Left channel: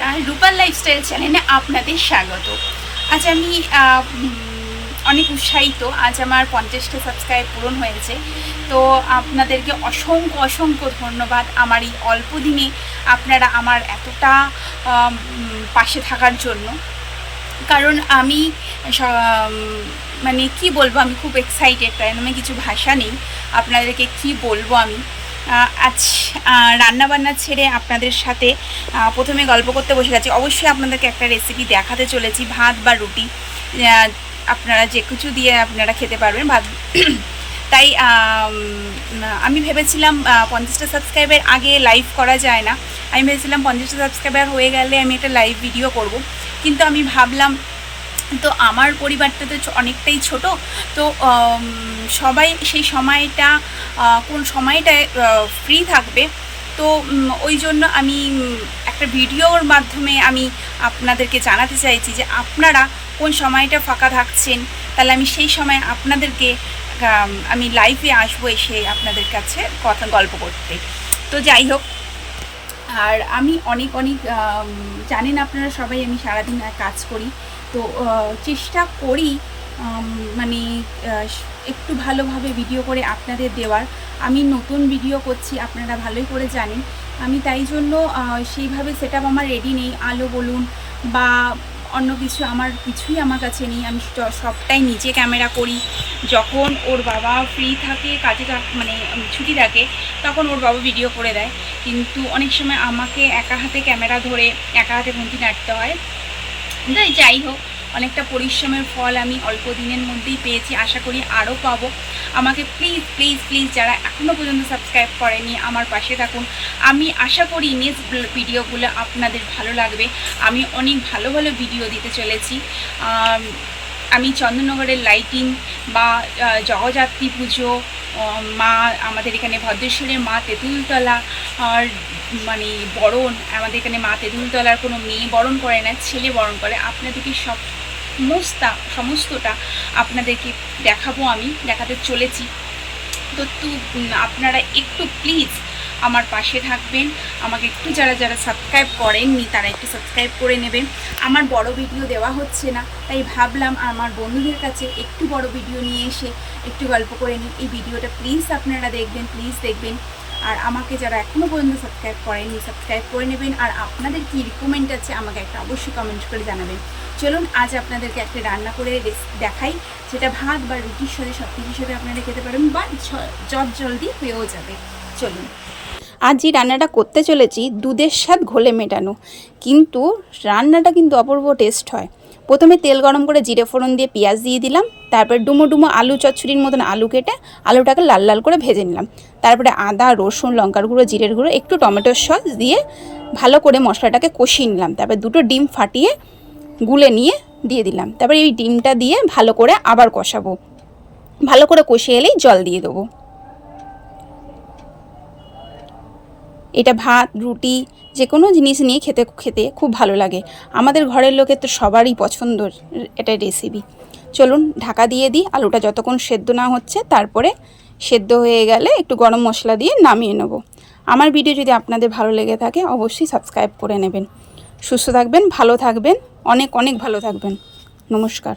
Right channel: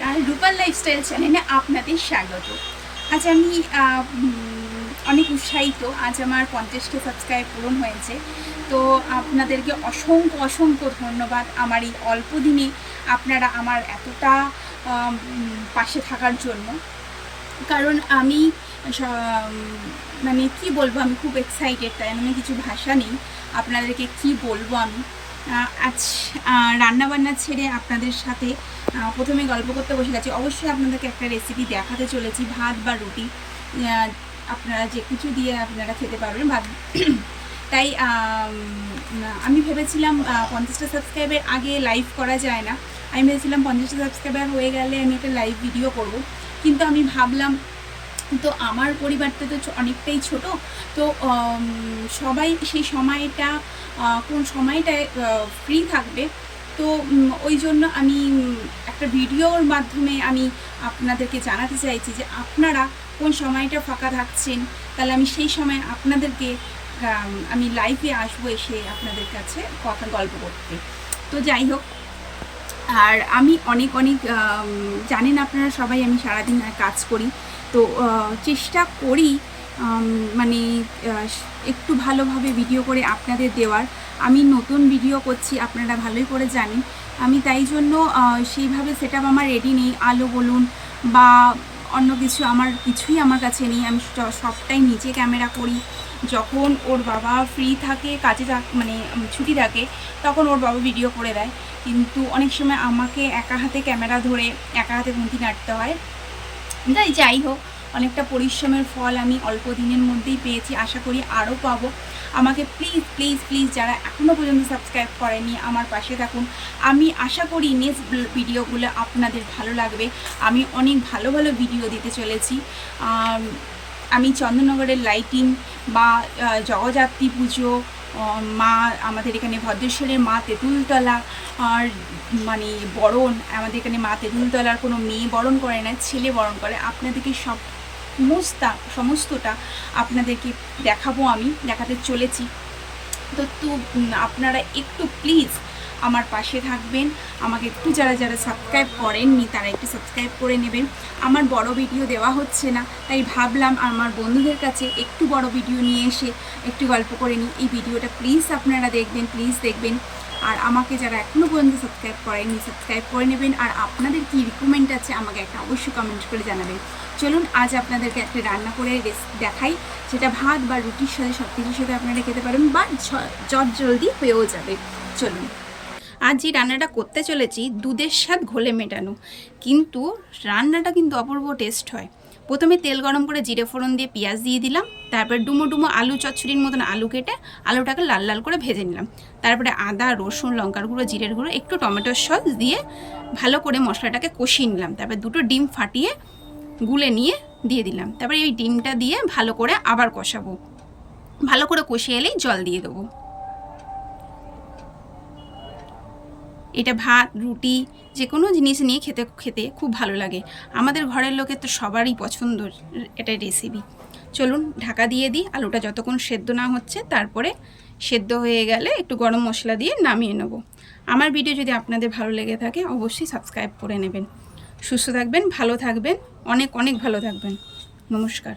নমস্কার রূপার লাইফস্টাইল চ্যানেলে আপনাদের স্বাগত। আজ আমি অনেক উৎসাহিত, আজ আমার পঞ্চাশটা সাবস্ক্রাইব পূরণ হয়েছে। তো আপনাদেরকে অসংখ্য অসংখ্য ধন্যবাদ আমার এই অল্প দিনে আপনারা আমার এতটা পাশে থাকার জন্য। কারণ আমি মানে কি বলব, আমি খুব এক্সাইটেড তাই আমি কিছু ভাষা নেই। আপনাদেরকে কি বলব আমি? আজ রান্নাবান্না ছেড়ে আপনাদের সাথে প্রথমে গল্প করতে বসে গেছি। অবশ্যই আপনাদেরকে একটা রেসিপি দেখাতে চলেছি, ভাত বা রুটি। আপনারা যে কিছু দিয়ে আপনারা খেতে পারবেন ভাত। তাই, আমি ভেবেছিলাম পঞ্চাশটা সাবস্ক্রাইবার আগে লাইভ করা যায় না। আমি ভেবেছিলাম পঞ্চাশটা সাবস্ক্রাইবার হয়ে গেলে আমি একটা লাইভ ভিডিও করব। কিন্তু আমি ভাবলাম তো আমার পরিবারটা তো অনেকটাই ছোট। তো সবাই সেই সময়টা কোন সময়টায় ফ্রি থাকবে। তো ওই জন্য আমি একটা ভিডিওর মাধ্যমে আমি আপনাদেরকে জানাতে চাইছি যে আপনারা কোন সময়টা ফাঁকা থাকছেন, তাহলে আমি সেই সময় আপনাদেরকে আমি লাইভে আসব এসে আপনাদের কাছে কথা, গল্প করতে। তো যাই হোক, আর আমি অনেক অনেক জানেন আপনারা সবাই আমি সারাদিন কাজ করি। তো চেষ্টা করি মানে একটু ভালোভাবে ভিডিও করে আপনাদের দেওয়ার। আমি নতুন ভিডিও করছি, আপনারা ভালোই করে জানেন। আমি তাই জন্য সেইভাবে সেট আমার রেডি নেই। আলো বলুন বা অন্য কিছু আমার কিছুই আমার কাছে নেই। আমি সবটাই নিজে ক্যামেরা করি। যখন ওর বাবা ফ্রি থাকে, কাজে মানে ছুটি থাকে, তখন ওর বাবা ভিডিও করে দেয়। কিন্তু অনেক সময় আমাকে একা হাতে ক্যামেরা ধরে, একা হাতে ঘুমটি নাড়তে হয়। যাই যাই হোক, অনেকটা পরিশ্রমের ফল আমি অল্প দিনের মধ্যেই পেয়েছি, আশা করি আরও পাবো। আমাকে প্লিজ প্লিজ প্লিজ যারা এখনও পর্যন্ত সাবস্ক্রাইব করেনি, আমার পাশে থাকুন। আমি আশা করি নেক্সট ভিডিওগুলো আপনাদের ভালো লাগবে। আমি অনেক ভালো ভালো ভিডিও দিতে চলেছি। আম, চন্দননগরের লাইটিং বা আহ, জগদ্ধাত্রী পুজো মা আমাদের এখানে ভদ্রেশ্বরের মা তেঁতুলতলা আর মানে বরণ আমাদের এখানে মা তেঁতুলতলার কোনো মেয়ে বরণ করে না ছেলে বরণ করে। আপনাদেরকে সব সমস্তা সমস্তটা আপনাদেরকে দেখাবো আমি দেখাতে চলেছি। তু আপনারা একটু প্লিজ আমার পাশে থাকবেন। আমাকে একটু যারা যারা সাবস্ক্রাইব করেননি, তারা একটু সাবস্ক্রাইব করে নেবেন। আমার বড় ভিডিও দেওয়া হচ্ছে না, তাই ভাবলাম আমার বন্ধুদের কাছে একটু বড় ভিডিও নিয়ে এসে একটু গল্প করে নিই। এই ভিডিওটা প্লিজ আপনারা দেখবেন প্লিজ দেখবেন। আর আমাকে যারা এখনও পর্যন্ত সাবস্ক্রাইব করেননি সাবস্ক্রাইব করে নেবেন। আর আপনাদের কি রিকমেন্ড আছে, আমাকে একটা অবশ্যই কমেন্ট করে জানাবেন। চলুন, আজ আপনাদেরকে একটা রান্না করে দেখাই, যেটা ভাত বা রুটির সাথে সব কিছুর সাথে আপনারা খেতে পারেন বা জলদি হয়েও যাবে। চলুন। আজ যে রান্নাটা করতে চলেছি দুধের স্বাদ ঘোলে মেটানো। কিন্তু রান্নাটা কিন্তু অপূর্ব টেস্ট হয়। প্রথমে তেল গরম করে জিরে ফোড়ন দিয়ে পেঁয়াজ দিয়ে দিলাম, তারপরে ডুমো ডুমো আলু চচ্চড়ির মতন আলু কেটে আলুটাকে লাল লাল করে ভেজে নিলাম। তারপরে আদা, রসুন, লঙ্কার গুঁড়ো, জিরের গুঁড়ো, একটু টমেটোর সস দিয়ে ভালো করে মশলাটাকে কষিয়ে নিলাম। তারপরে দুটো ডিম ফাটিয়ে গুলে নিয়ে দিয়ে দিলাম। তারপরে এই ডিমটা দিয়ে ভালো করে আবার কষাবো। ভালো করে কষিয়ে এলেই জল দিয়ে দেবো। এটা ভাত, রুটি যে কোনো জিনিস নিয়ে খেতে খেতে খুব ভালো লাগে। আমাদের ঘরের লোকের তো সবারই পছন্দ এটা রেসিপি চলুন ঢাকা দিয়ে দিই, আলুটা যতক্ষণ সেদ্ধ না হচ্ছে, তারপরে সেদ্ধ হয়ে গেলে একটু গরম মশলা দিয়ে নামিয়ে নেব। আমার ভিডিও যদি আপনাদের ভালো লেগে থাকে, অবশ্যই সাবস্ক্রাইব করে নেবেন। সুস্থ থাকবেন, ভালো থাকবেন, অনেক অনেক ভালো থাকবেন। নমস্কার।